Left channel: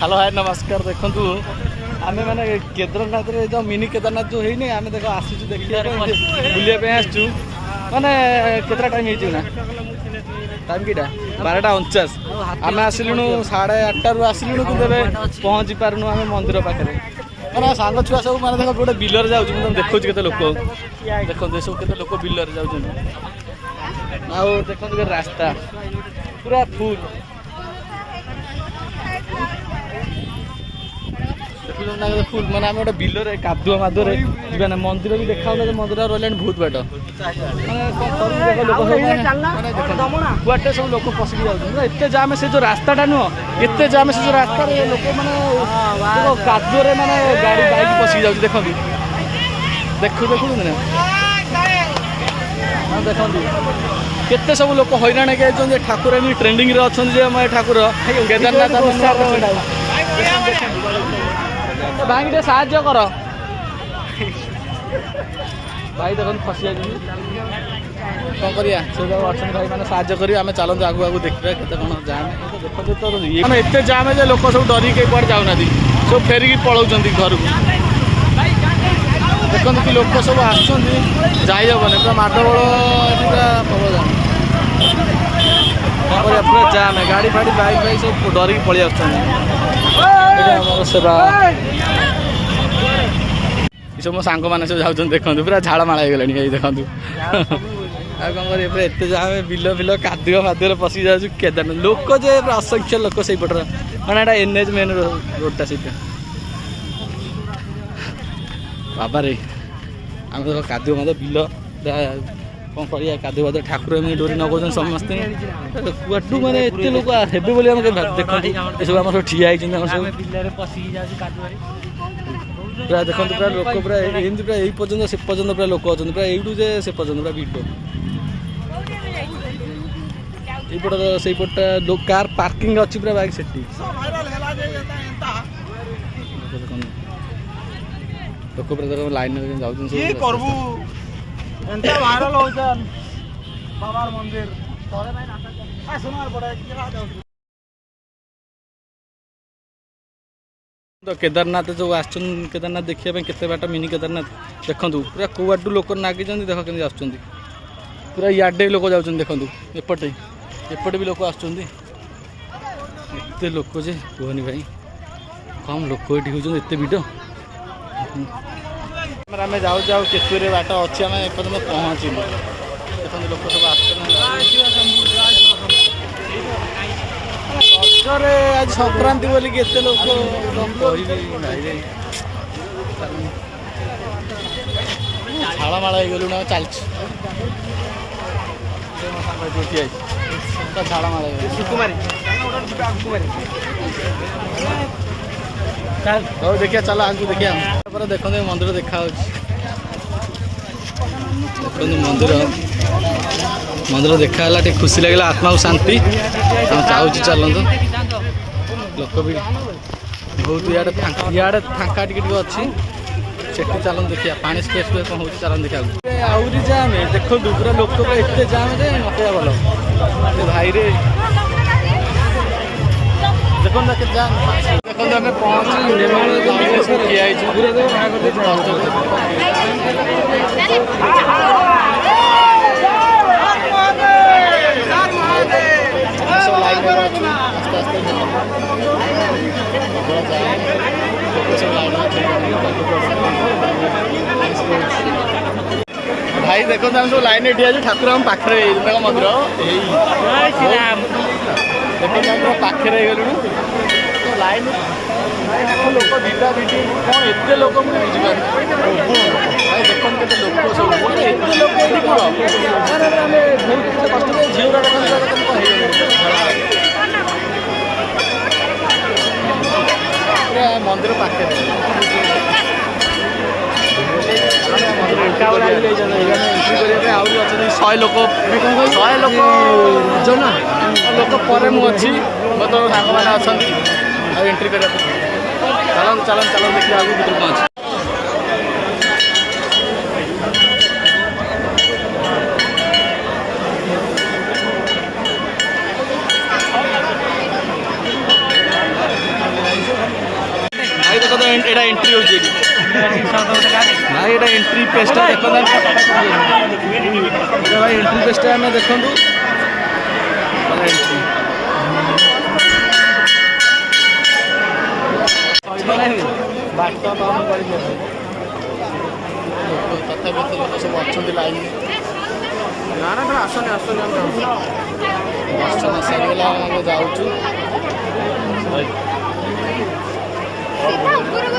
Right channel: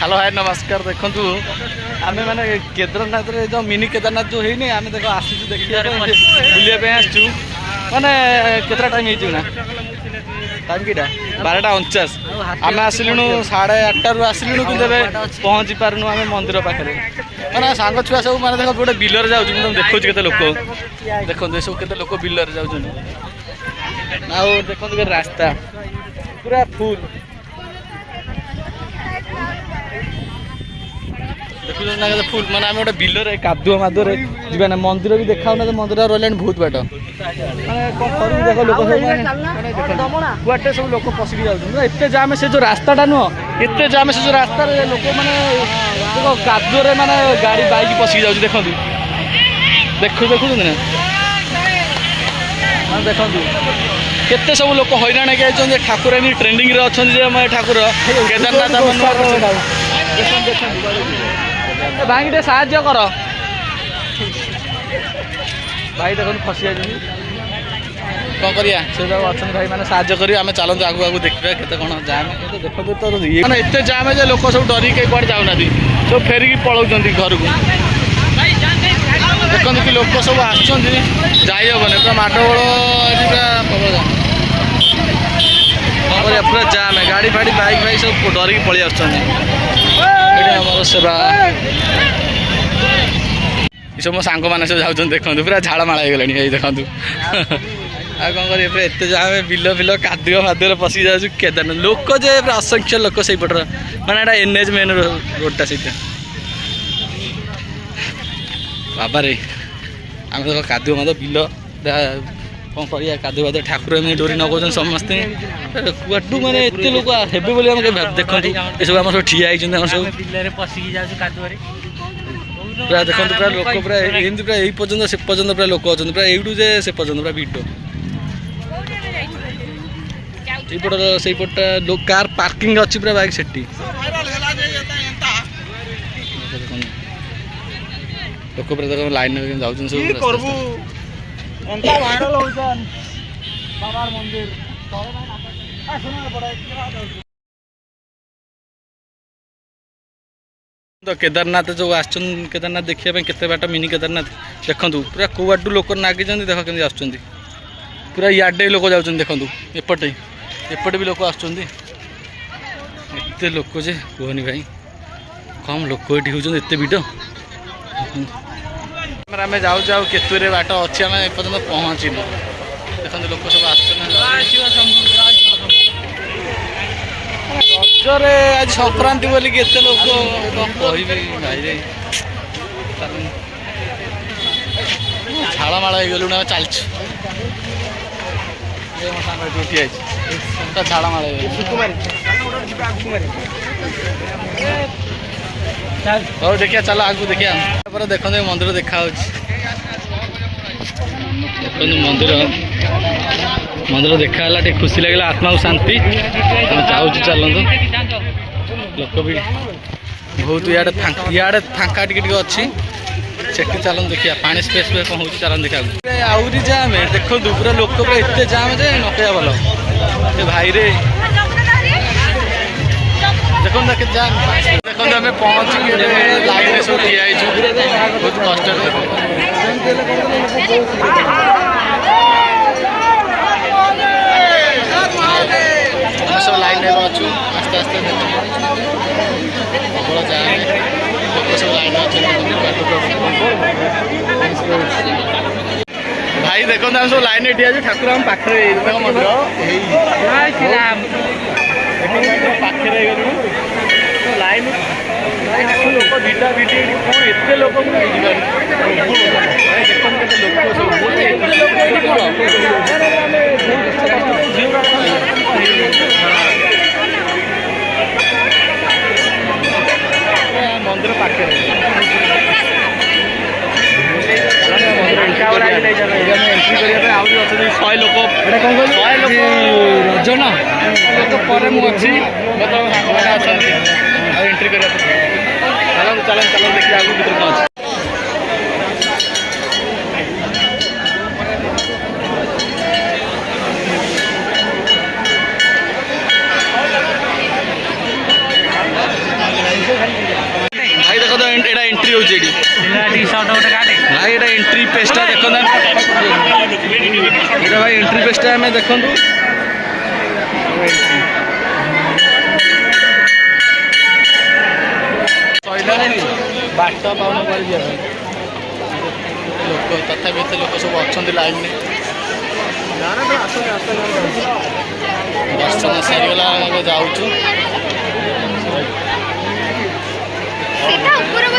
hello hi नमस्कार देखु आम मैंने केदारनाथ जो मिनी केदारनाथ जो है आम देख आसू देखिए बुलाइए आसचु माने केतटा टाइम होना टाइम किटा 12:49 आम आसलु 8:30 आसलु कि पहुँची पार्नु आम मंदिर पाखे मैंने सांग छुआ सब मैंने देख गोटे बिलर जाऊँ देखो के लोक देखो ये सब के लोक बिलर जाऊँ देखो रास्ता पूरा फुल देखिए फुल माने आम गोटे बिलर कादुआ मादुरे जीवन मंदिर भी देखा मंदिर रहा बहुत बाट माने सब लोक पशिक जाते जाम से जो रास्ताटा नुह एत जाम से जो रास्ता लोक मैंने कादुरे माने गाड़ी बाइक पशिक जाऊँ देखो देखु देखुन देखो केते सब लोक हैरान होती ठाकुर ट्रेंडिंग रे अच्छा ठाकुर केदारनाथ आम नुआ भाई टे साहाଯ୍य कर भाई देख फसी जाए कौन करिया से जो अच्छा भाई मैंने साहाଯ୍य करी आम चलते आगू आगू देखा केते कौन जाम मैंने एत जाम जे लोक सब डर कई कड़े जाऊना सब फेरिकी पलाऊँ घर को देखते कि लोक सब आसबन पूरा माडगोल पूरा प्रबल जाम पूरा जाम गाड़ी फाड़ी बाइक फाइक सब डरिकी पलि आमर सेवा सब मो सांग मैंने सब जाऊँ देखो पूरा झाड़माड़ हो गला देखु आ कौन कर एत जाम बिल फिल कादुआ मादुरे पशि जाऊँ केदारनाथ लोक जे असंख्य लोक से पटर मैंने एनएच मेन रोडटा से बाबा रे आम देख कादुआ माद बिल कौन कर कादुआ माद ठाकुर डोरी नगौन समस्ते कुआटू मैंने एत लोक हे देखते ये सब आम सब ठिया सब पूरा देखो पूरा लोक पूरा एमती पूरा यही पर्यटन से पर्यटन पूरा लोक अच्छा पूरा यूटू जे से पर्यटन पूरा भिड़ से पटा कार पार्किंग अच्छी पूरा बाइक सेठी लोक पूरा देख लाइन जाऊँ सब तो केदारनाथ जो आसन केदारनाथ देखिए केते बाट मिनी केदारनाथ देखु पूरा कौआटू लोक नागी देख के आस पूरा इे लोक जाऊँ देखु एपटे एपटे भी लोक आते लोक जे कहनी भाई कम लोक ये होते एत भिड़ आम जाऊ जाऊ केतुरे बाट अच्छी आम एपर्तन पहुँचलु देखते लोक सब आज संक्रांति बोली केते लोक कह भाई रे झाड़माड़ हो गलु चल झाड़माड़ हो देखिए चलो आगू देखिए देखो मंदिर देखा देखो मंदिर मंदिर देखा टे खुशी लगे आत्मा को शांति चाहूँ चलतु लोक भी बहुत इे फांका टी अच्छी सेठी चलन देखिए पानी स्पेस कौन हो चलन देखा आहरी जाम देखो पूरा लोक पूरा एत जाम जे न कह भल भाई रे देखो देखो आम पहुँची लाइन में सब ठिया बहुत कष्ट सब लाइन में अच्छु आस्ते आस्ते प्रबल जाए लोक सब लाइन भाई देखो आम सब लाइन ठिया ठाकुर आम पाखे मंदिर देखो पाखे गलु लाइन लोक भिटा भिटी कौन एत लोक मुझे बुझीपार भाई देखो के लोक सब एत लोक कौन कष्ट झीरा मंदिर पाखे 100 लोक लोक पर मुझे मतलब सांग मैंने अच्छा एंट्री करने चलन चलन चलन देखिए आगे भर पहुँच देखो तो एटा एंट्री हो जेडी भाई एटा एंट्री पेस्टा देखो ना एटा भाई एंट्री पेस्टा हमें देखो तो एंट्री सॉइला नहीं बाट कौन कर दिया लोग तथा भी लोग सब अच्छा लाइन में ना ना आसने आसने दर्शन सरीगला जाऊँ सीधा ऊपर को